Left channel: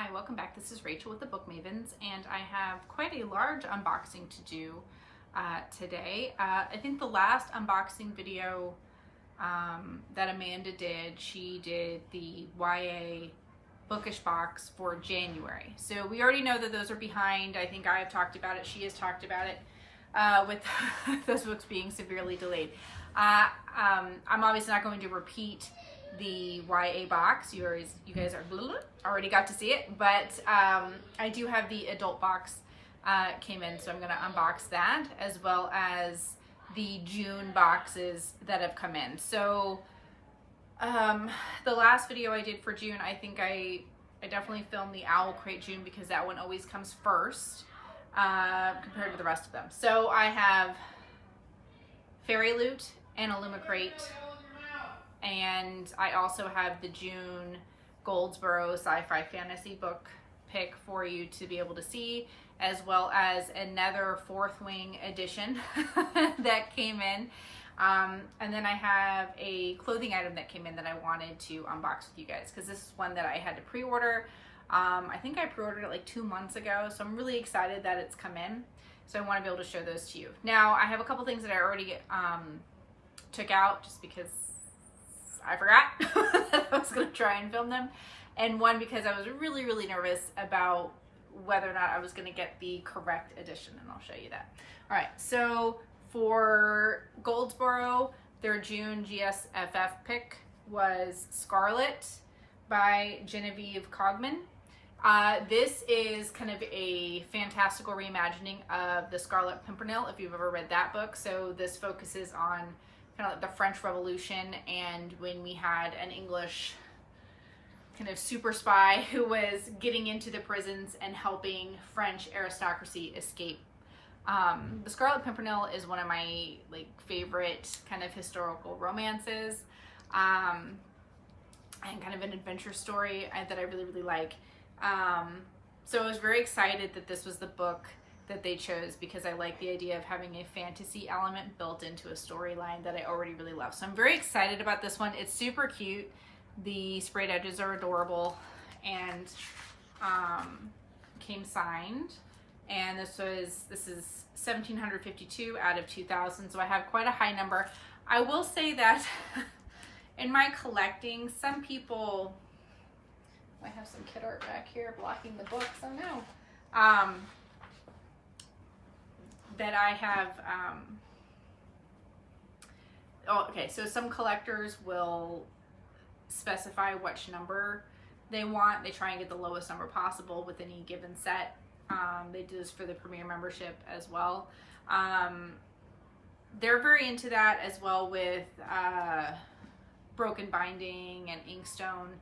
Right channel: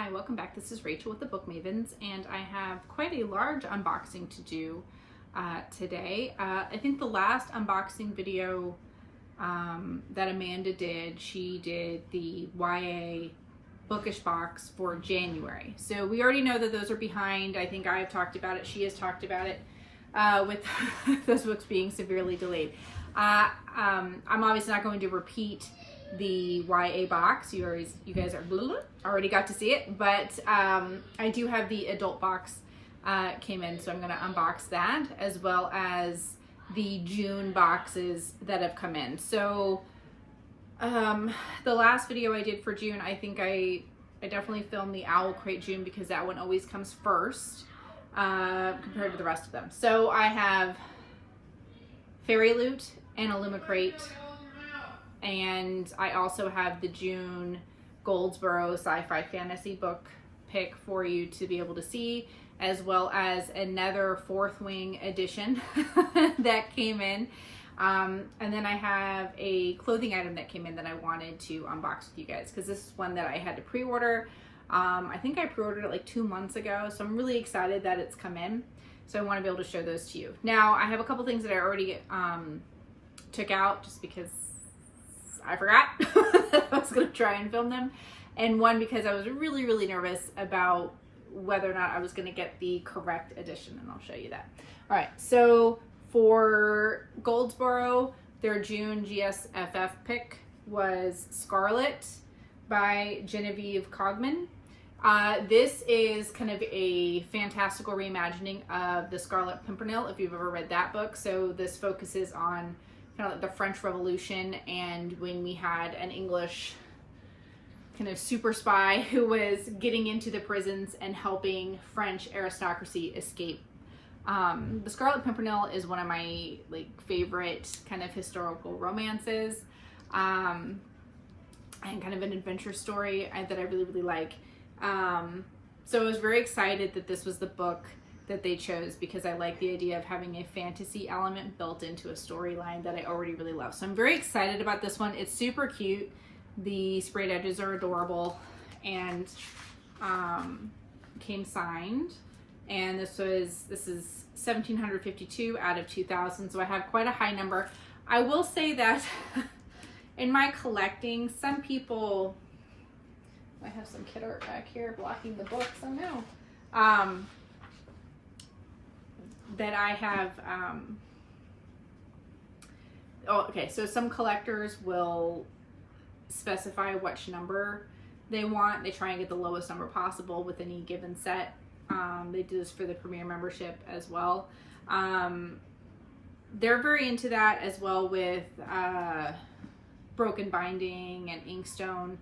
Hi, welcome back. This is Rachel with the Book Mavens, and I have quite a large unboxing to do today. I think the last unboxing video that Amanda did, she did the YA Bookish Box for January. So we already know that those are behind. I think I've talked about it. She has talked about it with those books being severely delayed. I'm obviously not going to repeat the YA box. You guys are already got to see it, but I do have the adult box came in, so I'm going to unbox that as well as the June boxes that have come in. So the last video I did for June, I think I definitely filmed the Illumicrate June because that one always comes first compared to the rest of them. So I have Fairyloot and Illumicrate, and I also have the June Goldsboro sci-fi fantasy book pick for you to be able to see, as well as another Fourth Wing edition that came in. And then I have a clothing item that came in that I wanted to unbox with you guys, because this is one that I had to pre-order. I think I pre-ordered it like 2 months ago, so I'm really excited that it's come in. So I want to be able to show those to you. Now, I have a couple things that I already took out just because I forgot that I was going to try and film them. And one because I was really, really nervous about whether or not I was going to get the correct edition, and I'll show you that. All right, so for Goldsboro, their June GSFF pick was Scarlet by Genevieve Cogman. This is kind of a fantastical reimagining of The Scarlet Pimpernel, if you've ever read that book. So this focuses on kind of like the French Revolution, and when we had an English kind of super spy who was getting into the prisons and helping French aristocracy escape. The Scarlet Pimpernel is one of my favorite kind of historical romances, and kind of an adventure story that I really, really like. So I was very excited that this was the book that they chose, because I like the idea of having a fantasy element built into a storyline that I already really love. So I'm very excited about this one. It's super cute. The sprayed edges are adorable, and came signed. And this is 1752 out of 2000, so I have quite a high number. I will say that in my collecting, some people, I have some kid art back here blocking the book somehow. That I have, so some collectors will specify which number they want. They try and get the lowest number possible with any given set. They do this for the Premier membership as well. They're very into that as well with broken binding and inkstone.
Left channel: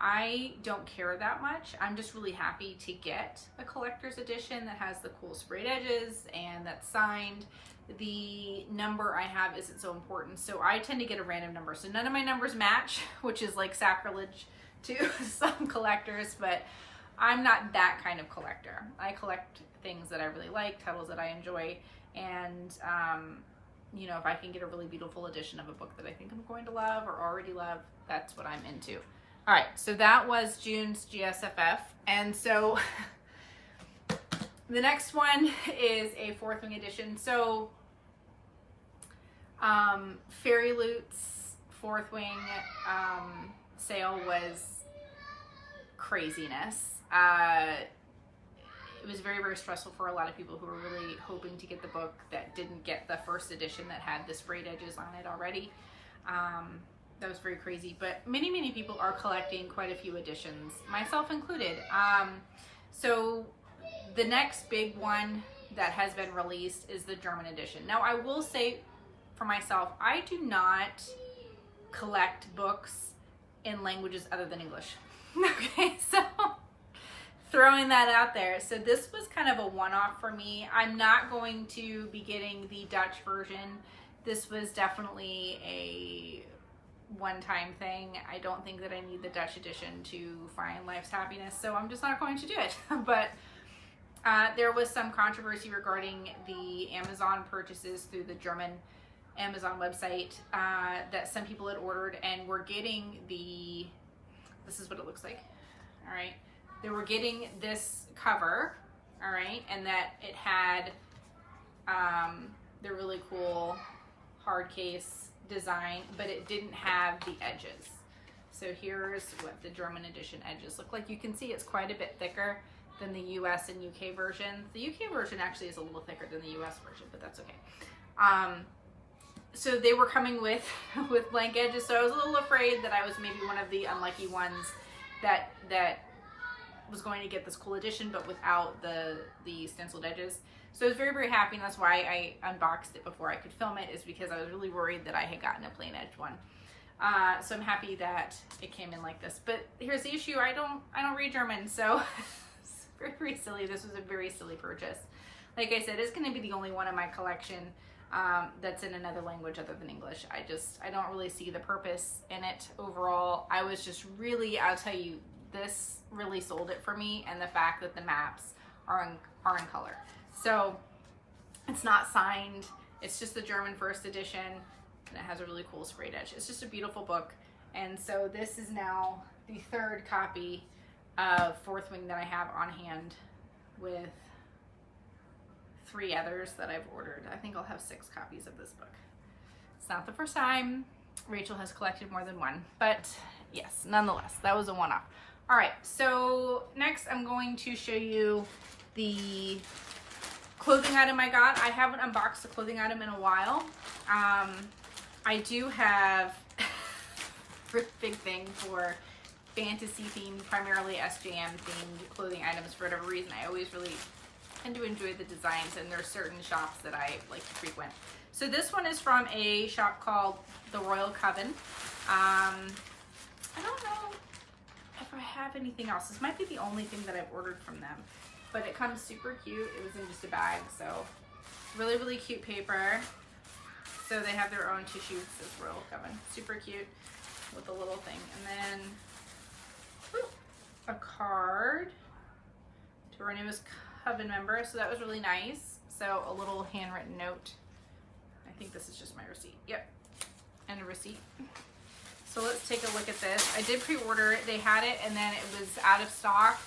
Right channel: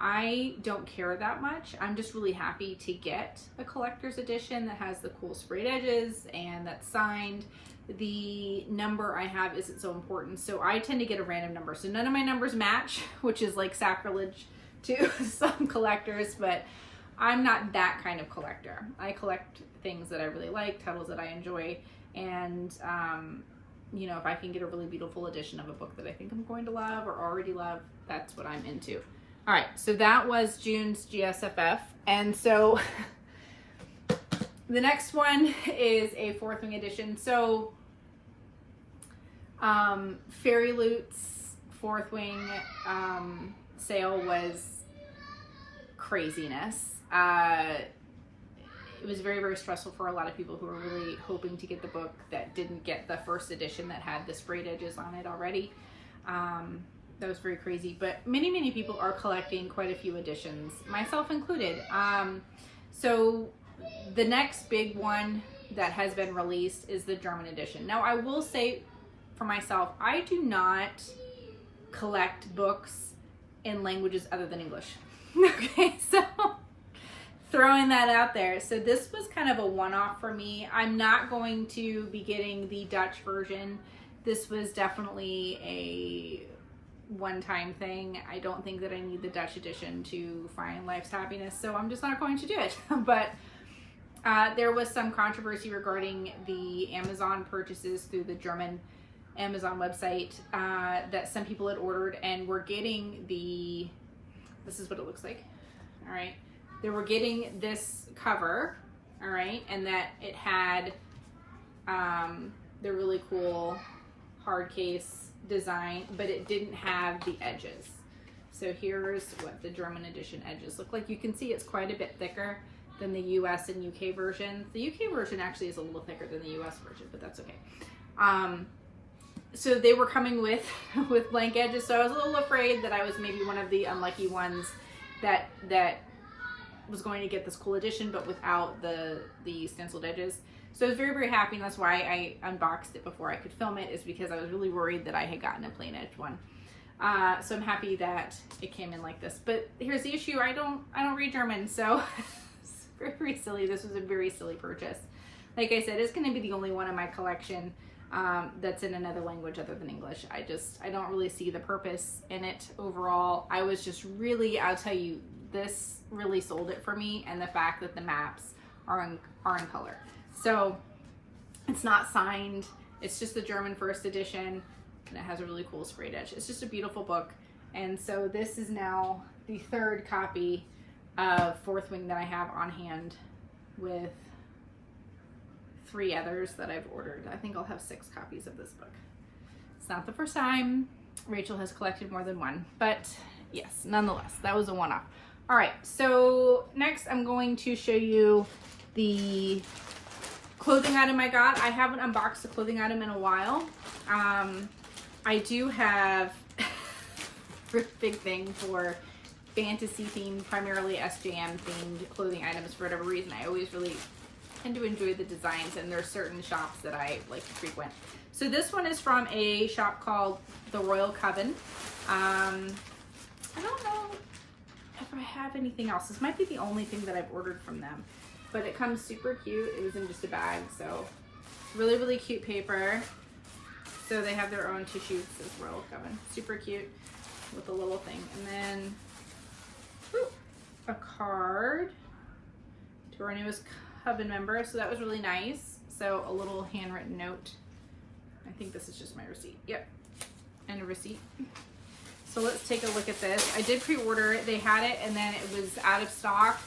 I don't care that much. I'm just really happy to get a collector's edition that has the cool sprayed edges and that's signed. The number I have isn't so important, so I tend to get a random number. So none of my numbers match, which is like sacrilege to some collectors, but I'm not that kind of collector. I collect things that I really like, titles that I enjoy, and you know, if I can get a really beautiful edition of a book that I think I'm going to love or already love, that's what I'm into. All right, so that was June's GSFF, and so the next one is a Fourth Wing edition. So Fairyloot's Fourth Wing sale was craziness. It was very, very stressful for a lot of people who were really hoping to get the book that didn't get the first edition that had the sprayed edges on it already. That was very crazy, but many, many people are collecting quite a few editions, myself included. So the next big one that has been released is the German edition. Now, I will say for myself, I do not collect books in languages other than English. Okay, so throwing that out there. So this was kind of a one-off for me. I'm not going to be getting the Dutch version. This was definitely a one-time thing. I don't think that I need the Dutch edition to find life's happiness, so I'm just not going to do it. But there was some controversy regarding the Amazon purchases through the German Amazon website that some people had ordered and were getting the, this is what it looks like. All right. they were getting this cover, all right, and that it had the really cool hard case design, but it didn't have the edges. So here's what the German edition edges look like. You can see it's quite a bit thicker than the US and UK version. The UK version actually is a little thicker than the US version, but that's okay. So they were coming with blank edges, so I was a little afraid that I was maybe one of the unlucky ones that was going to get this cool edition, but without the stenciled edges. So I was very, very happy, and that's why I unboxed it before I could film it, is because I was really worried that I had gotten a plain edge one. So I'm happy that it came in like this. But here's the issue: I don't read German, so it's very, very silly. This was a very silly purchase. Like I said, it's going to be the only one in my collection that's in another language other than English. I don't really see the purpose in it overall. I was just really, I'll tell you, this really sold it for me, and the fact that the maps are in color. So it's not signed, it's just the German first edition, and it has a really cool sprayed edge. It's just a beautiful book. And so this is now the third copy of Fourth Wing that I have on hand, with 3 others that I've ordered. I think I'll have 6 copies of this book. It's not the first time Rachel has collected more than one, but yes, nonetheless, that was a one-off. All right, so next I'm going to show you the clothing item I got. I haven't unboxed a clothing item in a while. I do have a big thing for fantasy themed, primarily SJM themed clothing items for whatever reason. I always really tend to enjoy the designs, and there are certain shops that I like to frequent. So this one is from a shop called The Royal Coven. I don't know if I have anything else. This might be the only thing that I've ordered from them, but it comes super cute. It was in just a bag, so really, really cute paper. So they have their own tissue, says Royal Coven. Super cute with a little thing. And then a card to our newest Coven member, so that was really nice. So a little handwritten note. I think this is just my receipt. Yep, and a receipt. So let's take a look at this. I did pre-order it. They had it, and then it was out of stock,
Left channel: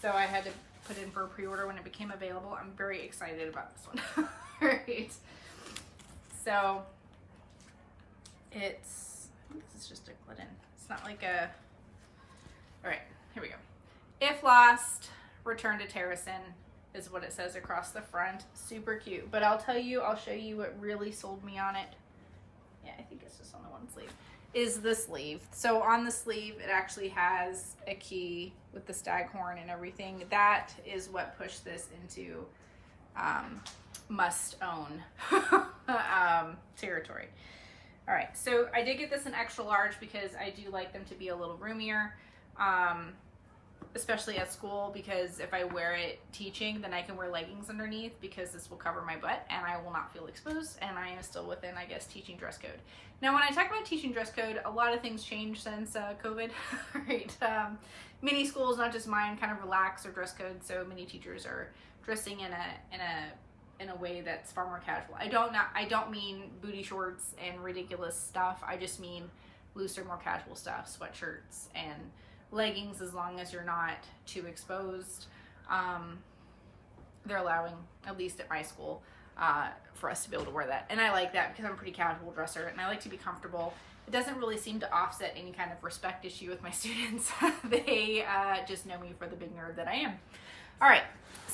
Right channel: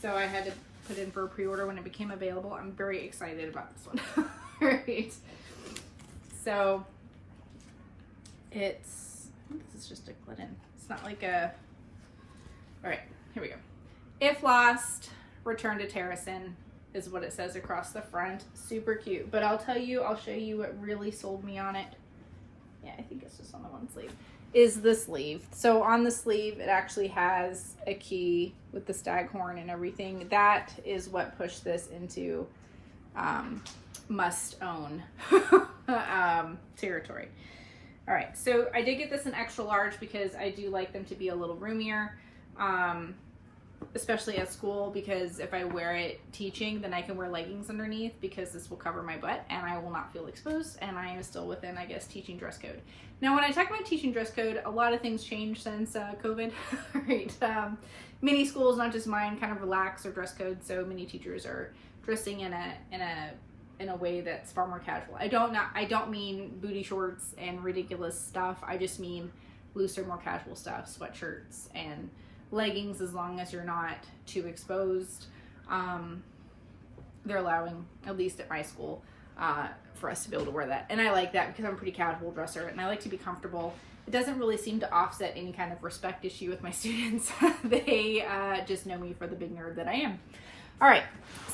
so I had to put in for a pre-order when it became available. I'm very excited about this one. All right. So it's, I think this is just a Glidden. It's not like a, all right, here we go. If lost, return to Terracin is what it says across the front. Super cute. But I'll tell you, I'll show you what really sold me on it. Yeah, I think it's just on the one sleeve. Is the sleeve. So on the sleeve, it actually has a key with the staghorn and everything. That is what pushed this into must own territory. All right, so I did get this in extra large because I do like them to be a little roomier, especially at school, because if I wear it teaching, then I can wear leggings underneath, because this will cover my butt and I will not feel exposed, and I am still within, I guess, teaching dress code. Now, when I talk about teaching dress code, a lot of things changed since COVID. Right? Many schools, not just mine, kind of relax their dress code, so many teachers are dressing in a way that's far more casual. I don't mean booty shorts and ridiculous stuff. I just mean looser, more casual stuff, sweatshirts and leggings, as long as you're not too exposed. They're allowing, at least at my school, for us to be able to wear that. And I like that because I'm a pretty casual dresser and I like to be comfortable. It doesn't really seem to offset any kind of respect issue with my students. They just know me for the big nerd that I am. All right,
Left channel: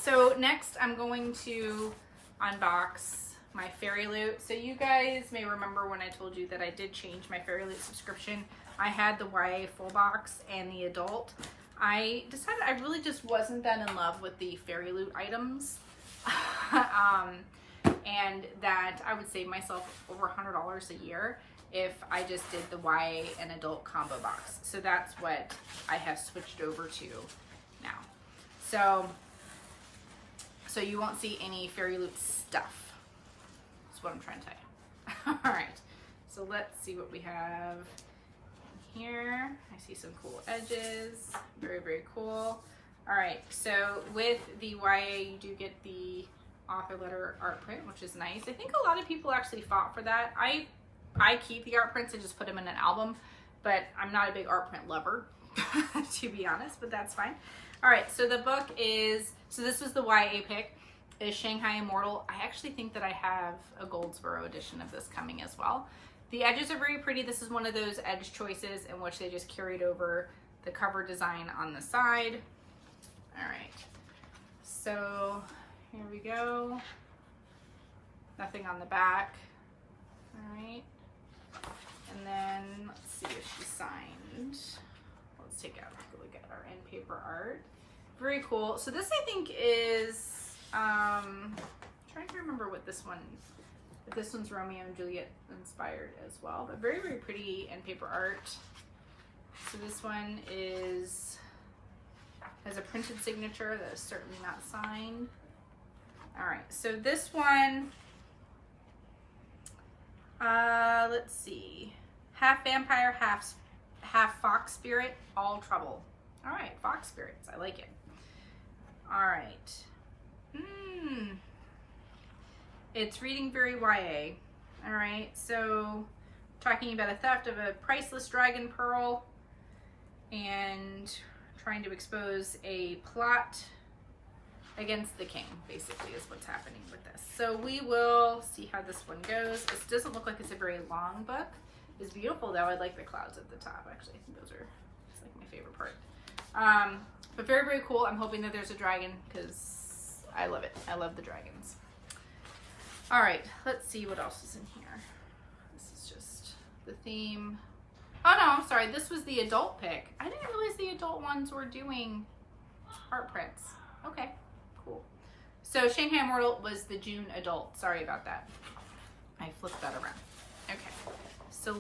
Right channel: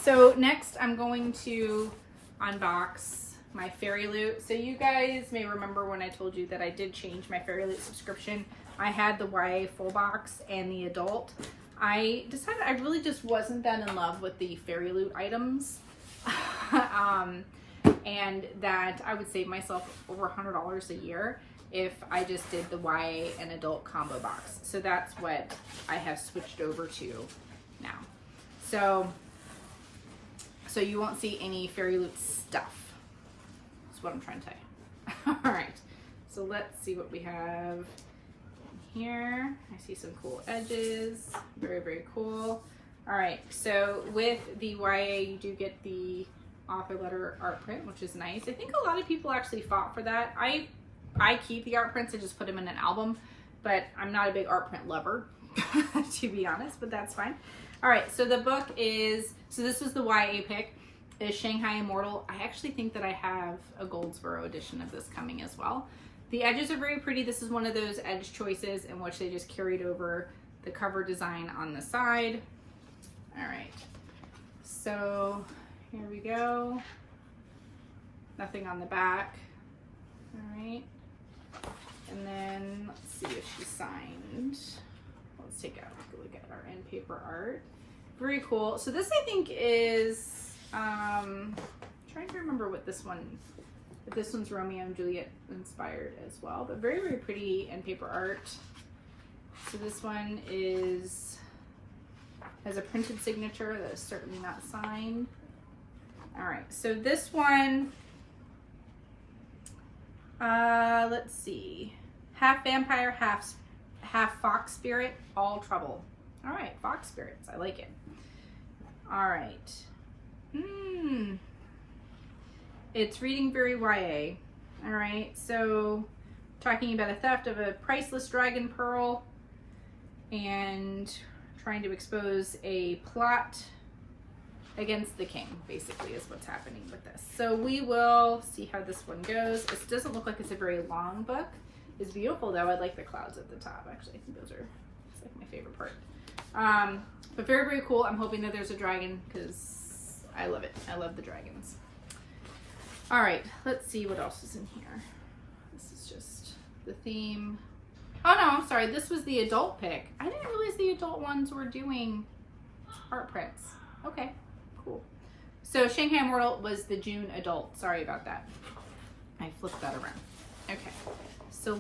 so next I'm going to unbox my Fairyloot. So you guys may remember when I told you that I did change my Fairyloot subscription. I had the YA full box and the adult. I decided I really just wasn't that in love with the Fairyloot items. And that I would save myself over $100 a year if I just did the YA and adult combo box. So that's what I have switched over to now. So you won't see any Fairyloot stuff. That's what I'm trying to tell you. All right, so let's see what we have here. I see some cool edges. Very, very cool. All right, so with the YA, you do get the author letter art print, which is nice. I think a lot of people actually fought for that. I keep the art prints and just put them in an album, but I'm not a big art print lover. to be honest, but that's fine. All right, so the book is, so this is the YA pick, is Shanghai Immortal. I actually think that I have a Goldsboro edition of this coming as well. The edges are very pretty. This is one of those edge choices in which they just carried over the cover design on the side. All right, so here we go. Nothing on the back. All right, and then let's see if she signed. Let's take out a look at our end paper art. Very cool. So this I think is, trying to remember what this one, if this one's Romeo and Juliet inspired as well, but very, very pretty end paper art. So this one has a printed signature that is certainly not signed. All right, so this one, let's see, half vampire, half fox spirit, all trouble. All right, fox spirits, I like it. All right. It's reading very YA. All right, so talking about a theft of a priceless dragon pearl and trying to expose a plot against the king, basically, is what's happening with this. So we will see how this one goes. It doesn't look like it's a very long book. It's beautiful though. I like the clouds at the top. Actually, I think those are, it's like my favorite part. But very, very cool. I'm hoping that there's a dragon because I love it. I love the dragons. All right, let's see what else is in here. This is just the theme. Oh no, I'm sorry. This was the adult pick. I didn't realize the adult ones were doing art prints. Okay, cool. So Shanghai Immortal was the June adult. Sorry about that. I flipped that around. Okay, so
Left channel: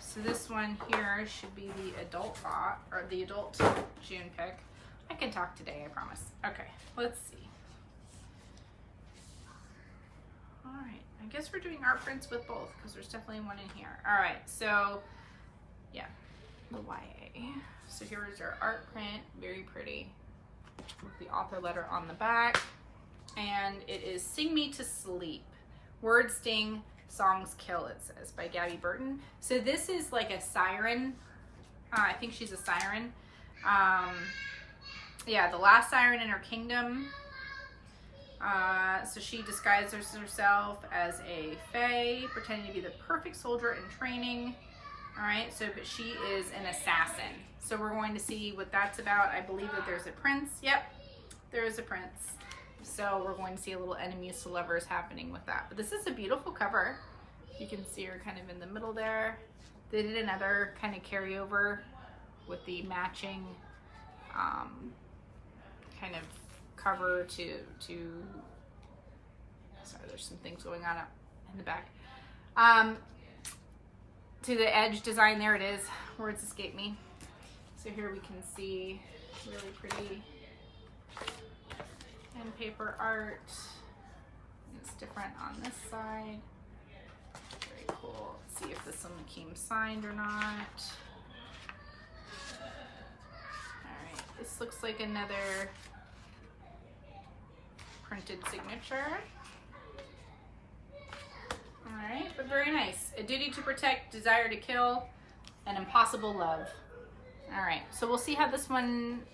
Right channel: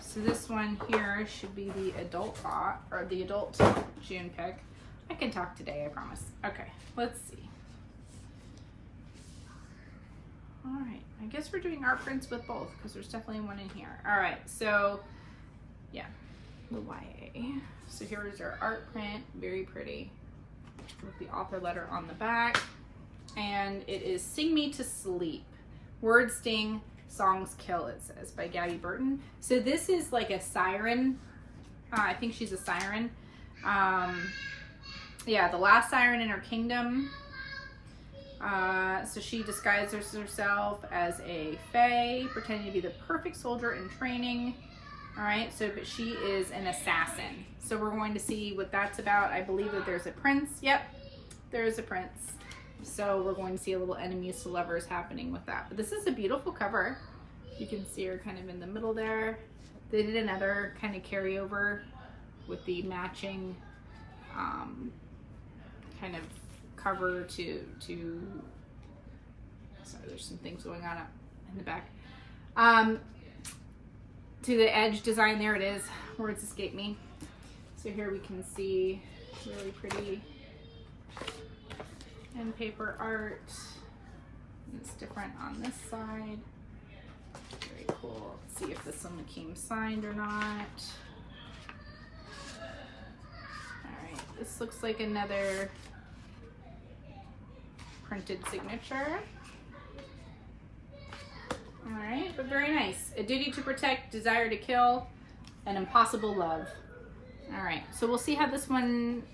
so this one here should be the adult bot, or the adult June pick. I can talk today, I promise. Okay, let's see. All right, I guess we're doing art prints with both because there's definitely one in here. All right, so yeah, the YA. So here's our art print, very pretty, with the author letter on the back. And it is Sing Me to Sleep. Words sting, songs kill, it says, by Gabby Burton. So this is like a siren. I think she's a siren. Yeah, the last siren in her kingdom. So she disguises herself as a fae, pretending to be the perfect soldier in training. All right, so but she is an assassin. So we're going to see what that's about. I believe that there's a prince. Yep, there is a prince. So we're going to see a little enemies to lovers happening with that. But this is a beautiful cover. You can see her kind of in the middle there. They did another kind of carryover with the matching kind of cover to sorry, there's some things going on up in the back. To the edge design, there it is. Words escape me. So here we can see really pretty end paper art. It's different on this side. Very cool. Let's see if this one came signed or not. All right, this looks like another printed signature. All right, but very nice. A duty to protect, desire to kill, an impossible love. All right, so we'll see how this one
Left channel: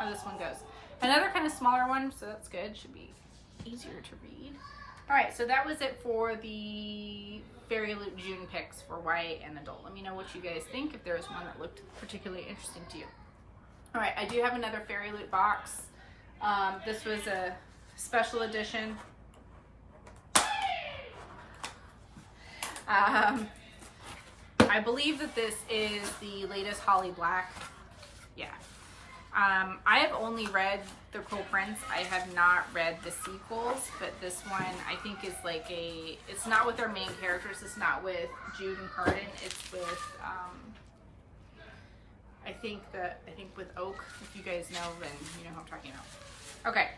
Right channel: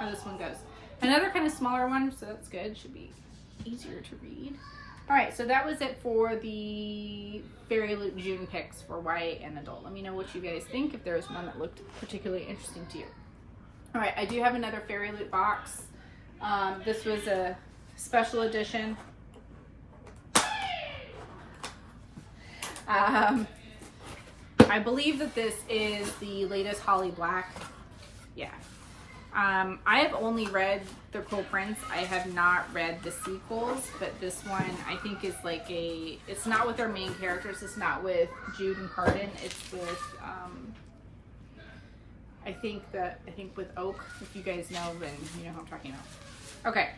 goes. Another kind of smaller one, so that's good. Should be easier to read. All right, so that was it for the Fairyloot June picks for YA and adult. Let me know what you guys think, if there was one that looked particularly interesting to you. All right, I do have another Fairyloot box. This was a special edition. I believe that this is the latest Holly Black. Yeah. I have only read the Cruel Prince. I have not read the sequels, but this one I think is like it's not with our main characters. It's not with Jude and Cardin. It's with, I think with Oak. If you guys know, then you know who I'm talking about. Okay.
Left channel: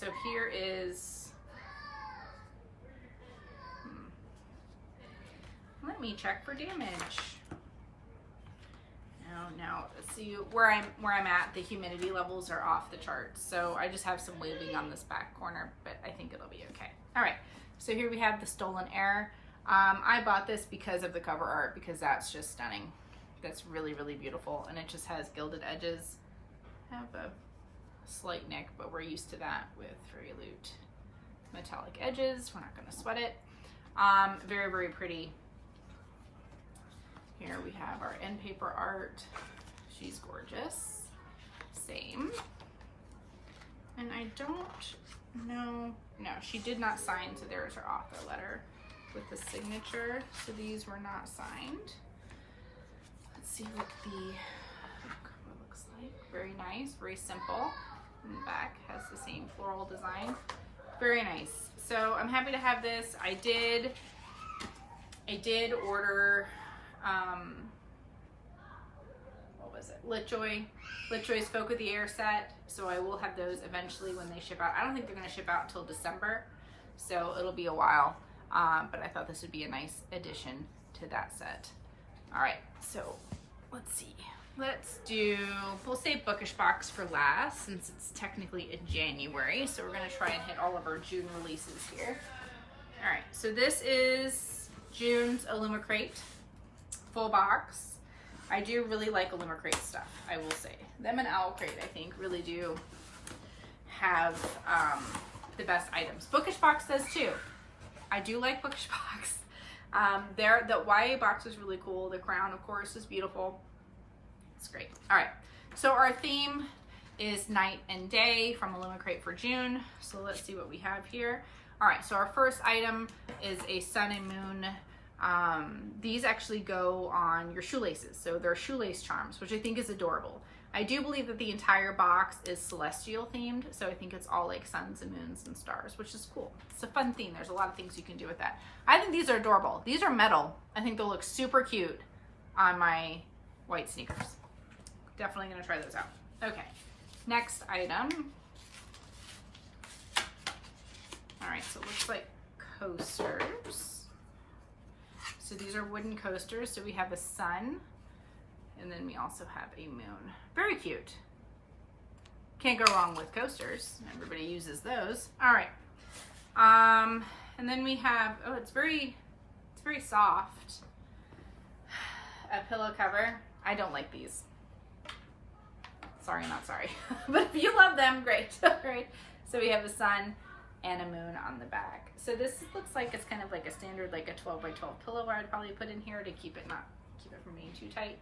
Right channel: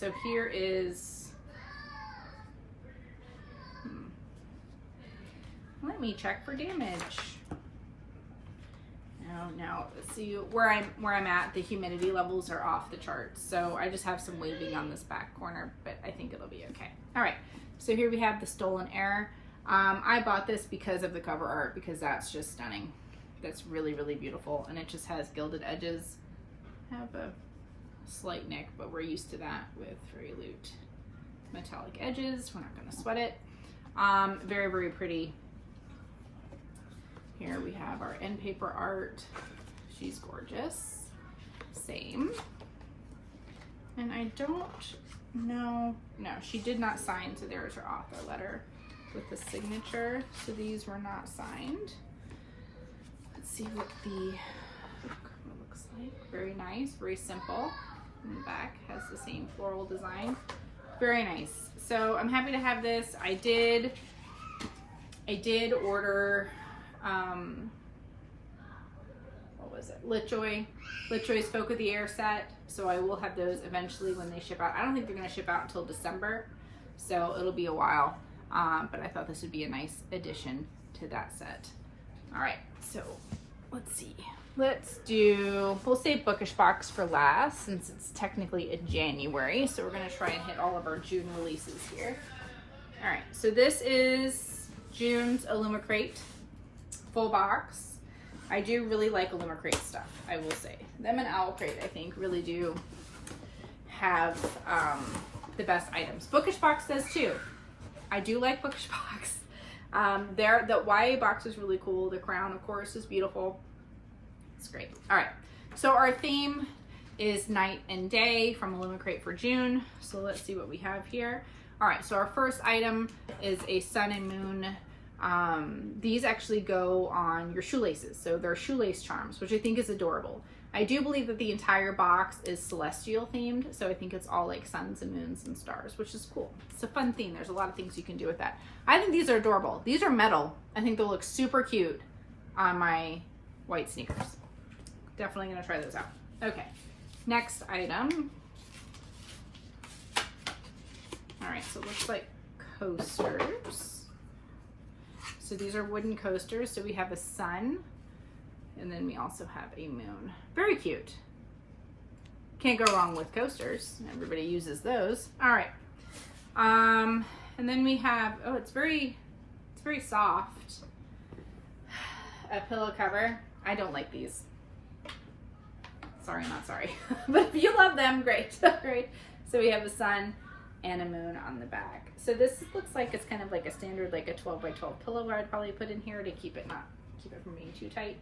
So here is, let me check for damage. No, see where I'm at, the humidity levels are off the charts. So I just have some waving on this back corner, but I think it'll be okay. All right, so here we have the Stolen Heir. I bought this because of the cover art, because that's just stunning. That's really, really beautiful. And it just has gilded edges. Have a slight nick, but we're used to that with Fairyloot. Metallic edges, we're not gonna sweat it. Very, very pretty. Here we have our end paper art. She's gorgeous. Same. And I don't know, no, she did not sign, so there's her author letter with the signature. So these were not signed. Let's see what the book looks like. Very nice, very simple. And the back has the same floral design. Very nice. So I'm happy to have this. I did order, what was it? Litjoy's Folk of the Air set. So I will have those eventually when they ship out. I don't think they're going to ship out until December, so it'll be a while. But I thought this would be a nice addition to that set. All right, so let's see. We'll save Bookish Box for last since it's technically in January. So we're gonna try and hit all of our June releases here. All right, so this is June's Illumicrate full box. I do really like Illumicrate stuff, I will say. Them and Owlcrate, I think, really do have the best items. Bookish Box does too. I do like Bookish Box. The YA box is really cool. The crown, of course, is beautiful. It's great. All right, so our theme is night and day from Illumicrate for June. So let's see what we have here. All right, so our first item is a sun and moon. These actually go on your shoelaces. So they're shoelace charms, which I think is adorable. I do believe that the entire box is celestial themed. So I think it's all like suns and moons and stars, which is cool. It's a fun theme. There's a lot of things you can do with that. I think these are adorable. These are metal. I think they'll look super cute on my white sneakers. Definitely gonna try those out. Okay, next item. All right, so it looks like coasters. So these are wooden coasters. So we have a sun, and then we also have a moon. Very cute. Can't go wrong with coasters. Everybody uses those. All right. And then we have, oh, it's very soft. A pillow cover. I don't like these. Sorry, not sorry. But if you love them, great. Great. So we have a sun and a moon on the back. So this looks like it's kind of like a standard, like a 12 by 12 pillow I'd probably put in here to keep it from being too tight.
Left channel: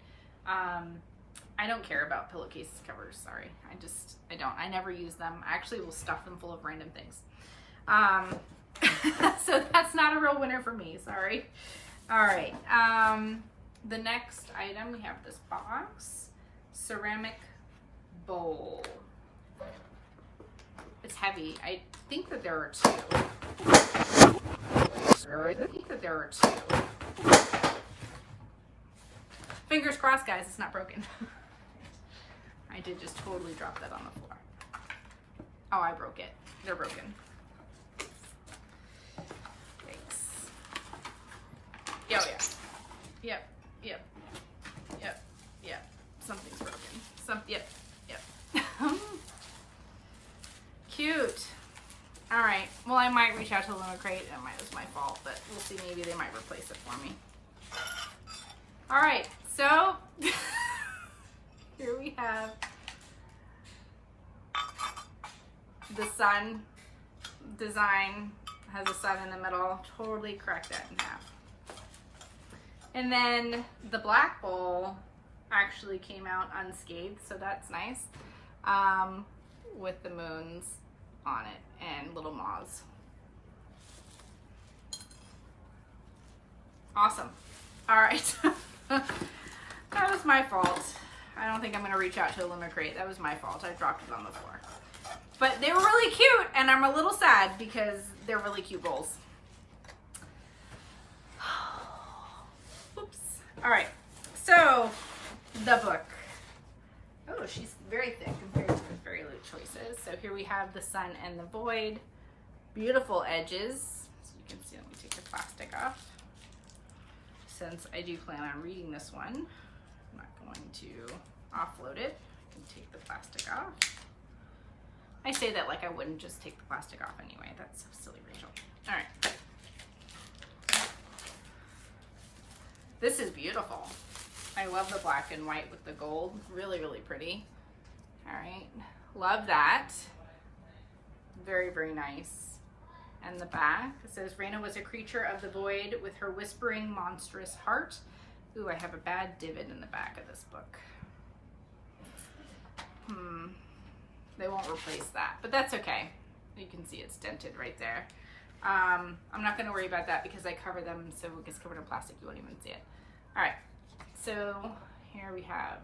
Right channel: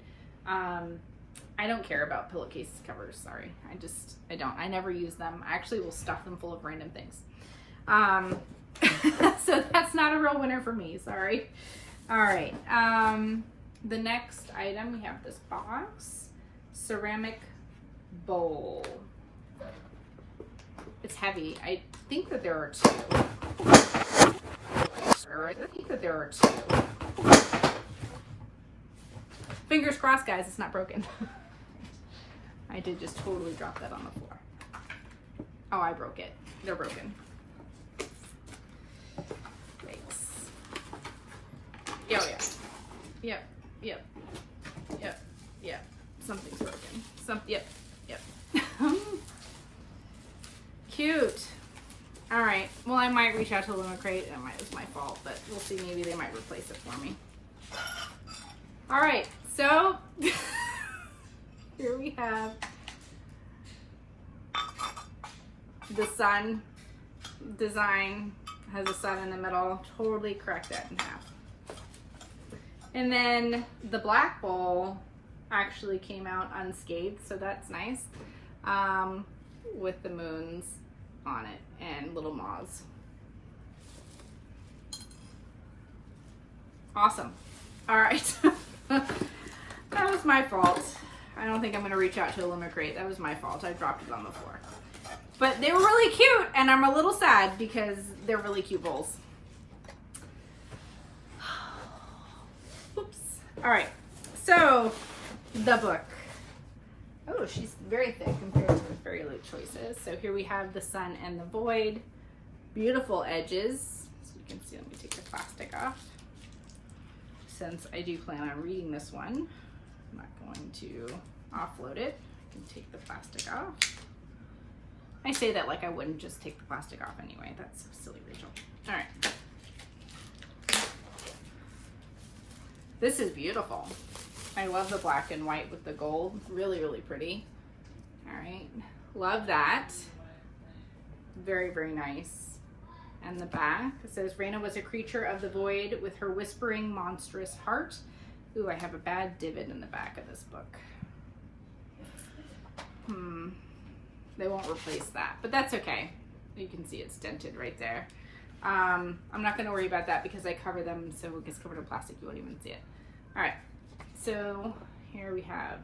I don't care about pillowcase covers, sorry. I don't. I never use them. I actually will stuff them full of random things. So that's not a real winner for me, sorry. All right. The next item, we have this box, ceramic bowl. It's heavy. I think that there are two. Fingers crossed, guys, it's not broken. I did just totally drop that on the floor. Oh, I broke it. They're broken. Thanks. Oh, yeah. Yep. Something's broken. Yep. Cute. All right. Well, I might reach out to Illumicrate. It was my fault, but we'll see. Maybe they might replace it for me. All right. So here we have the sun design. Has a sun in the middle. Totally cracked that in half. And then the black bowl actually came out unscathed, so that's nice. With the moons on it and little moths. Awesome. All right. That was my fault. I don't think I'm going to reach out to Illumicrate. That was my fault. I dropped it on the floor. But they were really cute, and I'm a little sad because they're really cute bowls. Oops. All right. So, the book. Oh, she's very thick compared to the Fairyloot choices. So here we have the sun and the void. Beautiful edges. So you can see, let me take the plastic off. Since I do plan on reading this one, I'm not going to offload it. I can take the plastic off. I say that like I wouldn't just take the plastic off anyway. That's so silly, Rachel. All right. This is beautiful. I love the black and white with the gold. Really, really pretty. All right, love that. Very, very nice. And the back, it says, Raina was a creature of the void with her whispering monstrous heart. Ooh, I have a bad divot in the back of this book. They won't replace that, but that's okay. You can see it's dented right there. I'm not gonna worry about that because I cover them, so it gets covered in plastic, you won't even see it. All right, so here we have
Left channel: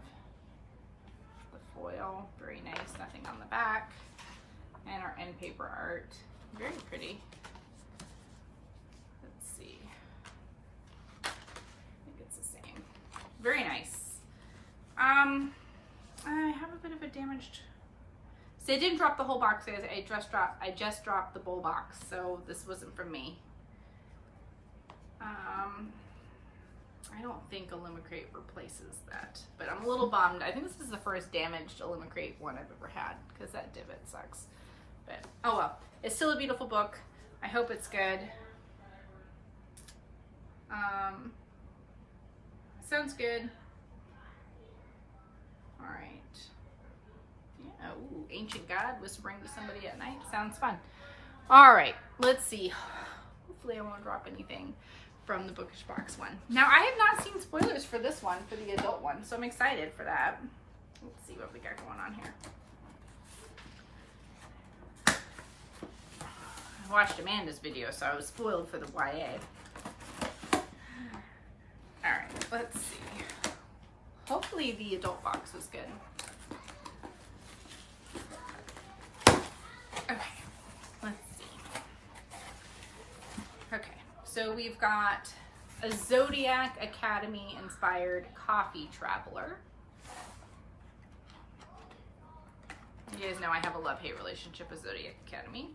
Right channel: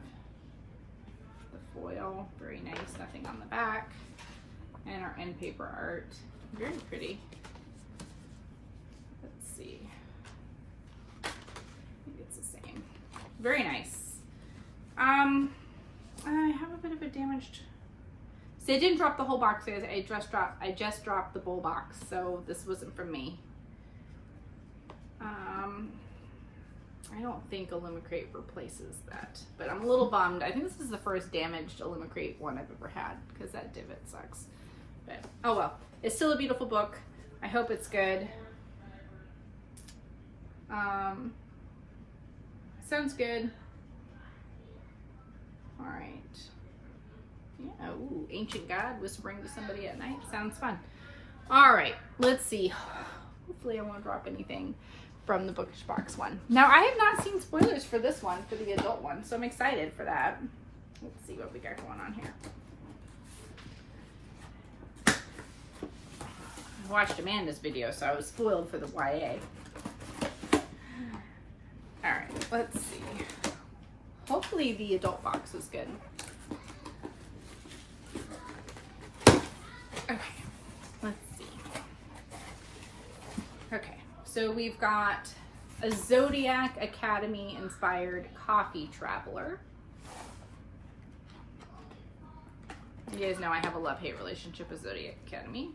the foil, very nice, nothing on the back, and our end paper art, very pretty. Let's see, I think it's the same. Very nice. I have a bit of a damaged, so I didn't drop the whole box, guys. I just dropped the bowl box, so this wasn't from me. I don't think Illumicrate replaces that, but I'm a little bummed. I think this is the first damaged Illumicrate one I've ever had because that divot sucks. But oh well, it's still a beautiful book. I hope it's good. Sounds good. All right. Yeah, ooh, Ancient God whispering to somebody at night. Sounds fun. All right, let's see. Hopefully I won't drop anything from the Bookish Box one. Now, I have not seen spoilers for this one, for the adult one, so I'm excited for that. Let's see what we got going on here. I watched Amanda's video, so I was spoiled for the YA. All right, let's see. Hopefully the adult box is good. Okay, let's see. Okay, so we've got a Zodiac Academy inspired coffee traveler. You guys know I have a love-hate relationship with Zodiac Academy.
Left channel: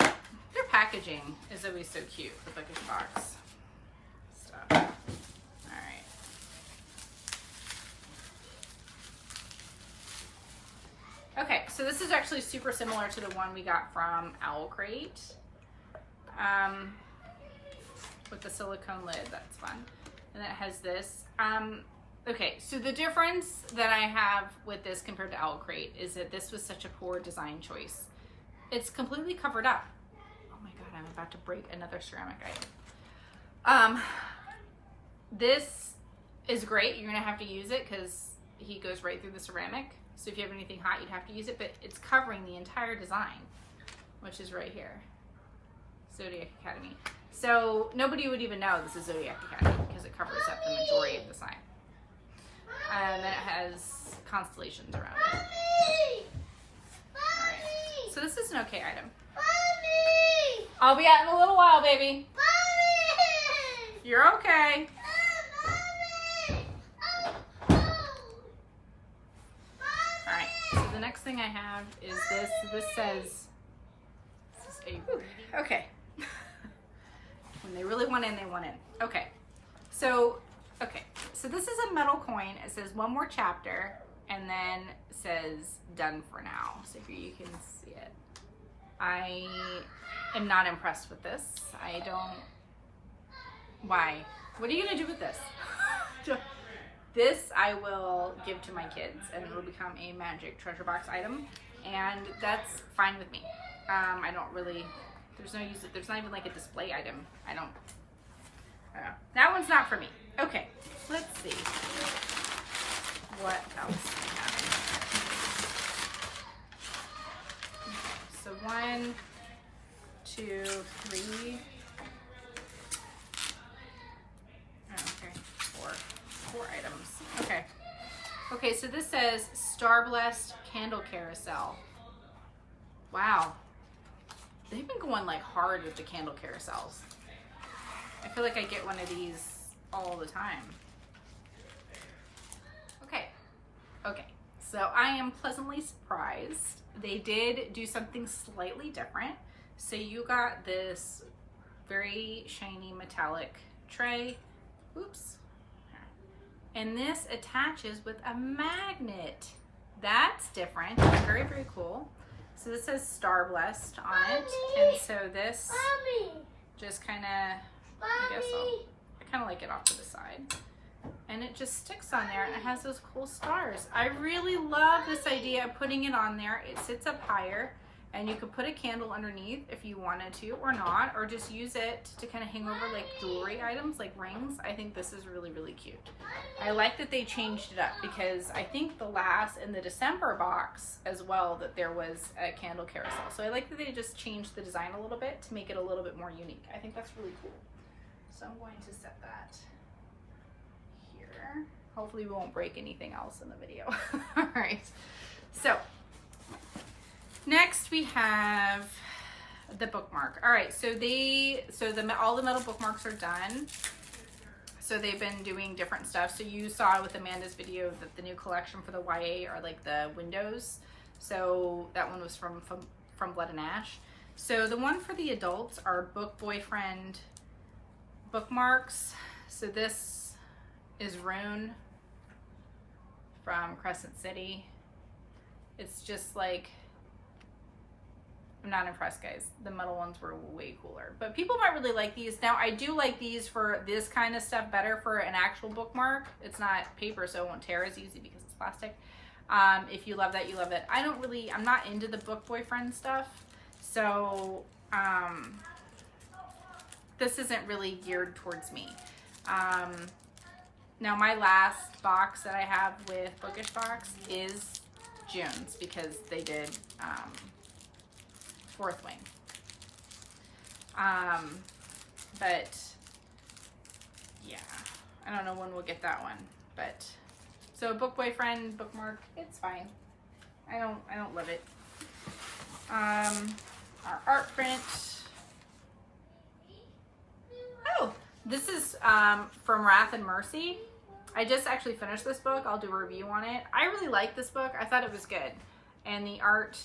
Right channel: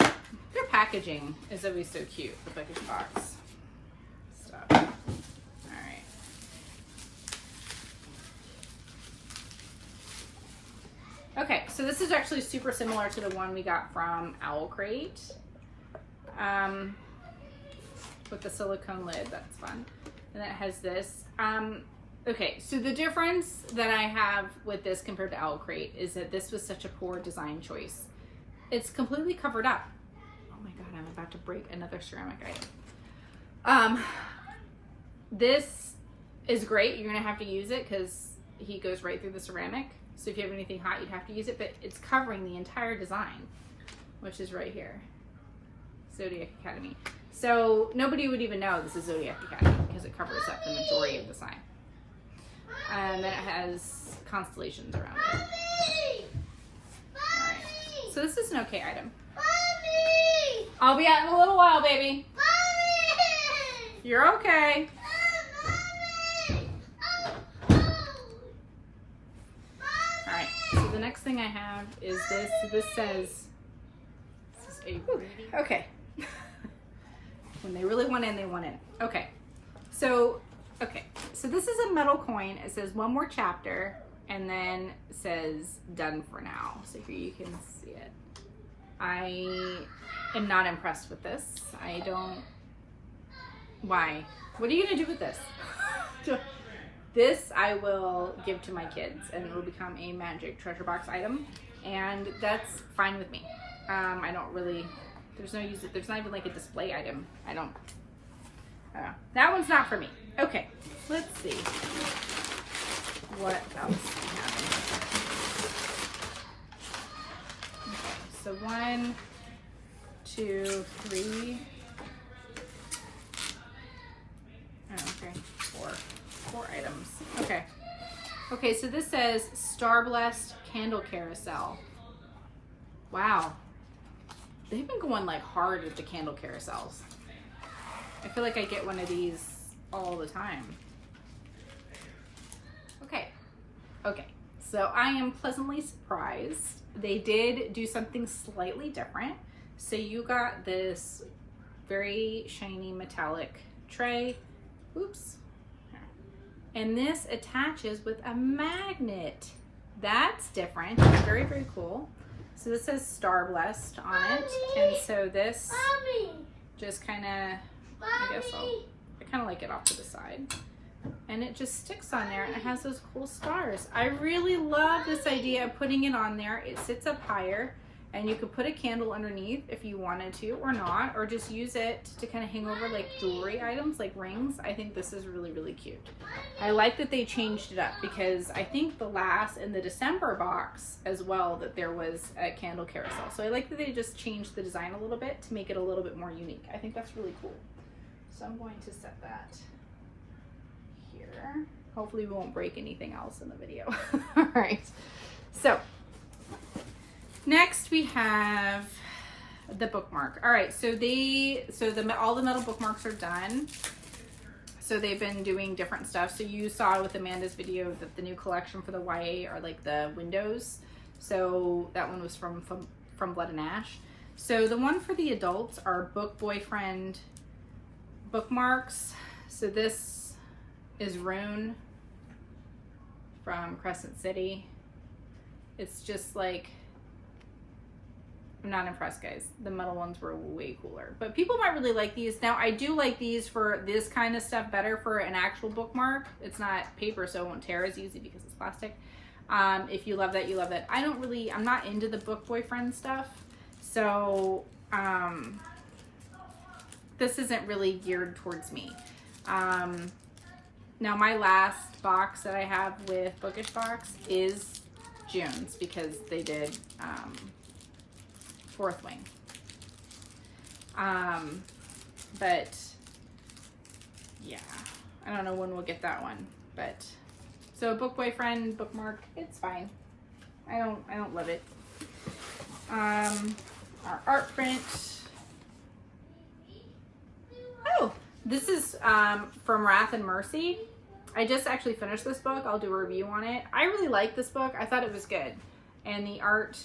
Right. Their packaging is always so cute, the Bookish Box stuff. All right. Okay, so this is actually super similar to the one we got from Illumicrate, with the silicone lid. That's fun. And then it has this. Okay, so the difference that I have with this compared to Illumicrate is that this was such a poor design choice. It's completely covered up. Oh my God, I'm about to break another ceramic item. This is great. You're gonna have to use it because he goes right through the ceramic. So if you have anything hot, you'd have to use it, but it's covering the entire design, which is right here, Zodiac Academy. So nobody would even know this is Zodiac Academy because it covers up the majority of the sign. And then it has constellations around it. All right, so this is an okay item. Mommy! I'll be out in a little while, baby. Mommy! You're okay. All right, so the next thing I have is this. This says, this is a okay. When they really want in, they want in. Okay, so this is a metal coin. It says one more chapter, and then it says done for now. So here you can see it. I am not impressed with this. I don't. Why? What are you gonna do with this? This I will give to my kids and it will become a magic treasure box item, and that's fine with me. I don't really, there's no use, there's not even like a display item. I don't know. That one's not for me. Okay, let's see what else we have in here. Okay, so 1, 2, 3. Oh, okay, 4 items. Okay, so this says Star Blessed Candle Carousel. Wow. They've been going like hard with the candle carousels. I feel like I get one of these all the time. Okay, so I am pleasantly surprised. They did do something slightly different. So you got this very shiny metallic tray. Oops. And this attaches with a magnet. That's different. Very, very cool. So this says Star Blessed on it. And so this just kind of, I guess I'll kind of like it off to the side. And it just sticks on there and it has those cool stars. I really love this idea of putting it on there. It sits up higher and you could put a candle underneath if you wanted to or not, or just use it to kind of hang over like jewelry items like rings. I think this is really, really cute. I like that they changed it up because I think the last in the December box as well that there was a candle carousel. So I like that they just changed the design a little bit to make it a little bit more unique. I think that's really cool. So I'm going to set that here. Hopefully we won't break anything else in the video. All right. So next we have the bookmark. All right, so all the metal bookmarks are done. So they've been doing different stuff. So you saw with Amanda's video that the new collection for the YA are like the windows. So that one was from Blood and Ash. So the one for the adults are book boyfriend bookmarks. So this is Rune from Crescent City. It's just like, I'm not impressed, guys. The metal ones were way cooler, but people might really like these. Now I do like these for this kind of stuff better for an actual bookmark. It's not paper, so it won't tear as easy because it's plastic. If you love that, you love that. I'm not into the book boyfriend stuff. So, this isn't really geared towards me. Now my last box that I have with Bookish Box is June's because they did, Fourth Wing. But yeah, I don't know when we'll get that one, but so book boyfriend bookmark, it's fine. I don't love it. Our art print. Oh, this is from Wrath and Mercy. I just actually finished this book. I'll do a review on it. I really like this book. I thought it was good, and the art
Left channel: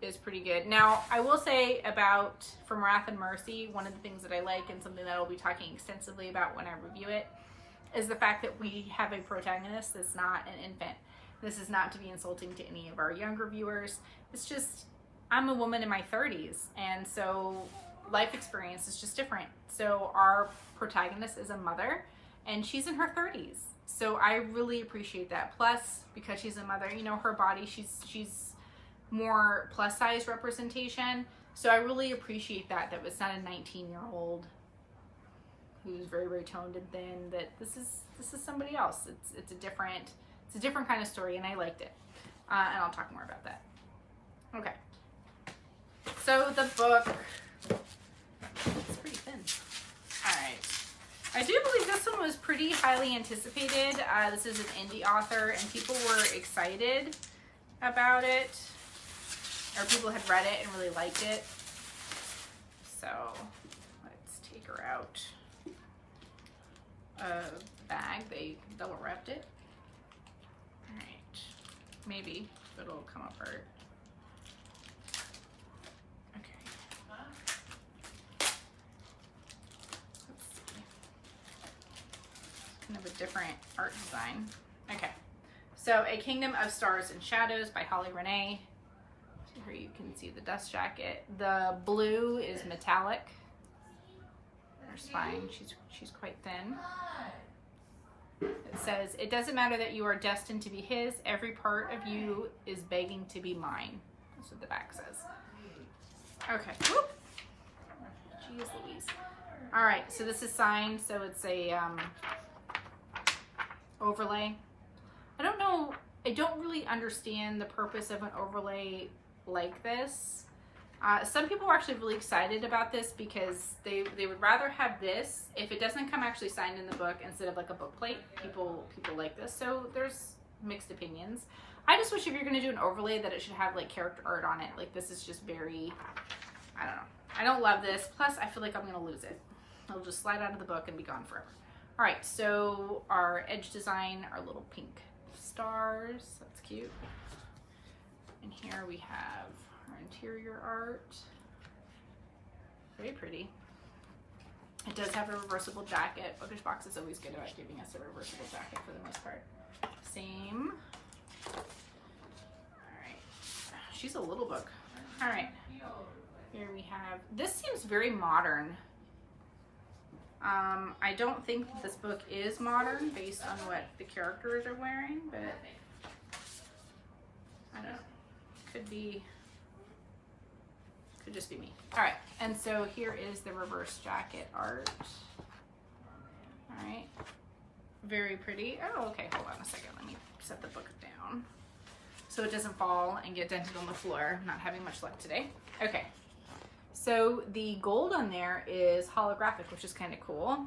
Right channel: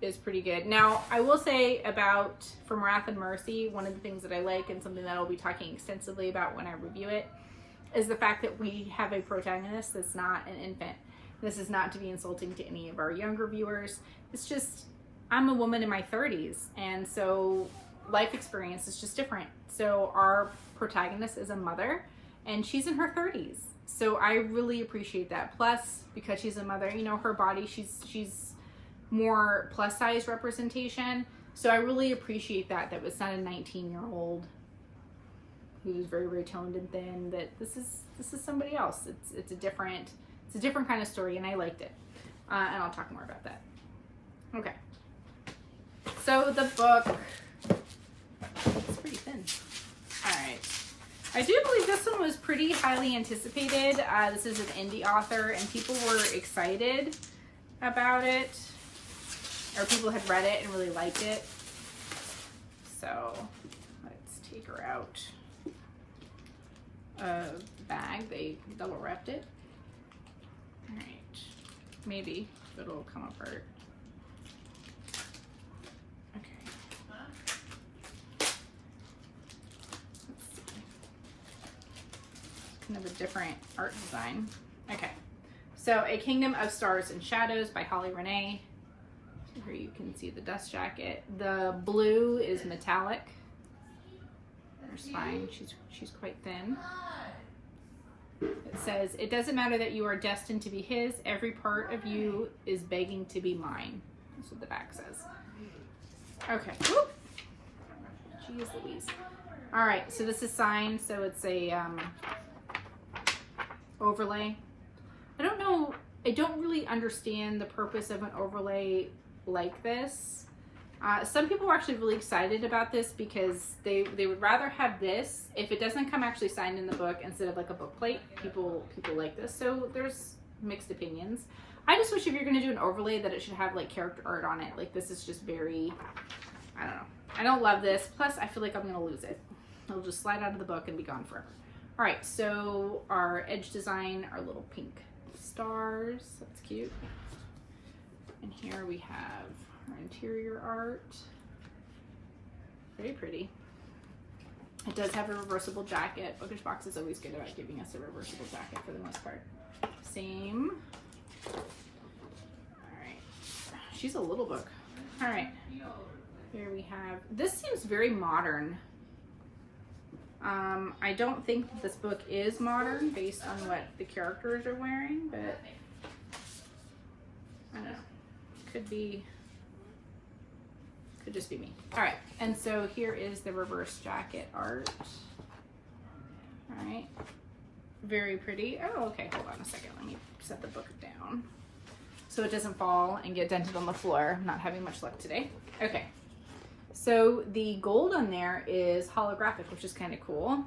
is pretty good. Now, I will say about From Wrath and Mercy, one of the things that I like and something that I'll be talking extensively about when I review it is the fact that we have a protagonist that's not an infant. This is not to be insulting to any of our younger viewers. It's just, I'm a woman in my 30s, and so life experience is just different. So our protagonist is a mother, and she's in her 30s. So I really appreciate that. Plus, because she's a mother, you know, her body, she's more plus size representation. So I really appreciate that it's not a 19-year-old who's very, very toned and thin, that this is somebody else. It's a different kind of story, and I liked it. And I'll talk more about that. Okay. So the book, it's pretty thin. All right. I do believe this one was pretty highly anticipated. This is an indie author, and people were excited about it, or people had read it and really liked it. So let's take her out of the bag. They double wrapped it. All right, be. It'll come apart. Okay. Kind of a different art design. Okay. So, A Kingdom of Stars and Shadows by Holly Renee. So here you can see the dust jacket. The blue is metallic. Her spine, she's quite thin. It says, "It doesn't matter that you are destined to be his. Every part of you is begging to be mine." That's what the back says. Okay. Whoop. Jeez Louise. All right. So this is signed. So it's a overlay. I don't know. I don't really understand the purpose of an overlay like this. Some people are actually really excited about this because they would rather have this if it doesn't come actually signed in the book instead of like a book plate. People like this. So there's mixed opinions. I just wish if you're going to do an overlay that it should have like character art on it. Like this is just very, I don't know. I don't love this. Plus I feel like I'm going to lose it. It'll just slide out of the book and be gone forever. All right. So our edge design, our little pink stars. That's cute. And here we have our interior art. Very pretty. It does have a reversible jacket. Bookish Box is always good about giving us a reversible jacket for the most part. Same. Alright. She's a little book. Alright. Here we have, this seems very modern. I don't think that this book is modern based on what the characters are wearing, but I don't know. Could just be me. All right, and so here is the reverse jacket art. All right, very pretty. Oh, okay, hold on a second. Let me set the book down so it doesn't fall and get dented on the floor. I'm not having much luck today. Okay, so the gold on there is holographic, which is kind of cool.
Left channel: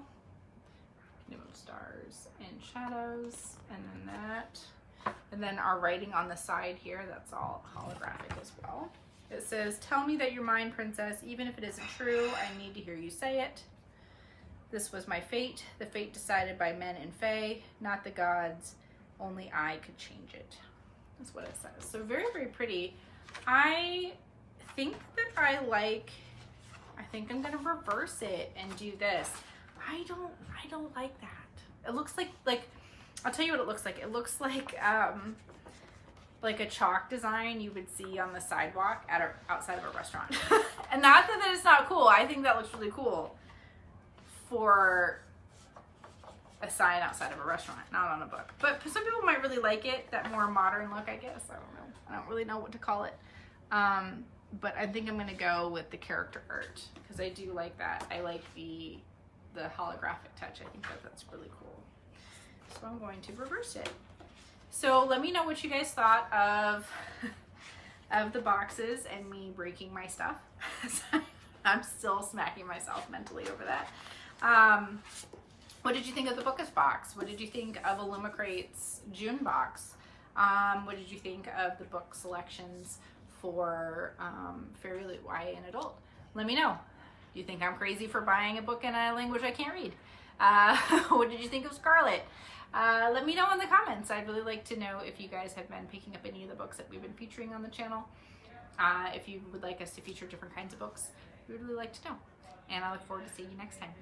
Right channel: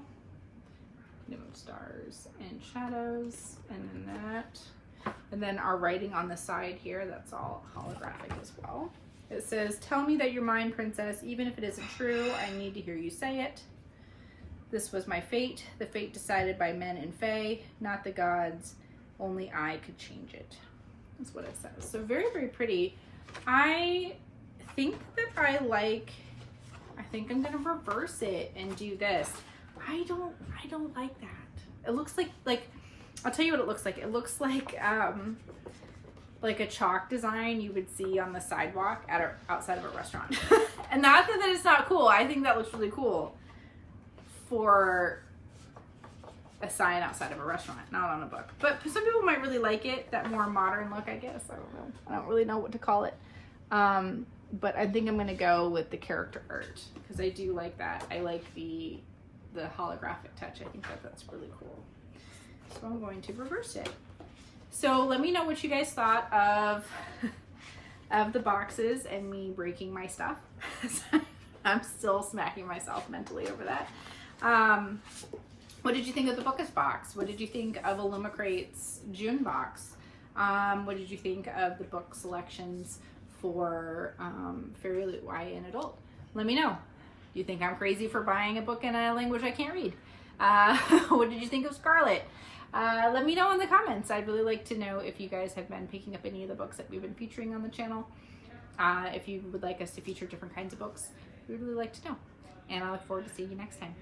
No stars and shadows, and then that. And then our writing on the side here, that's all holographic as well. It says, "Tell me that you're mine, princess. Even if it isn't true, I need to hear you say it. This was my fate, the fate decided by men and fae, not the gods. Only I could change it." That's what it says. So very, very pretty. I think that I think I'm gonna reverse it and do this. I don't like that. It looks like I'll tell you what it looks like. It looks like a chalk design you would see on the sidewalk outside of a restaurant. And not that it's not cool. I think that looks really cool for a sign outside of a restaurant, not on a book. But some people might really like it, that more modern look, I guess. I don't know. I don't really know what to call it. But I think I'm gonna go with the character art because I do like that. I like the holographic touch. I think that's really cool. So I'm going to reverse it. So let me know what you guys thought of the boxes and me breaking my stuff. I'm still smacking myself mentally over that. What did you think of the Bookish Box? What did you think of Illumicrate's June box? What did you think of the book selections for Fairyloot YA and Adult? Let me know. Do you think I'm crazy for buying a book in a language I can't read? What did you think of Scarlet? Let me know in the comments. I'd really like to know if you guys have been picking up any of the books that we've been featuring on the channel. If you would like us to feature different kinds of books, we'd really like to know. And I look forward to seeing you next time.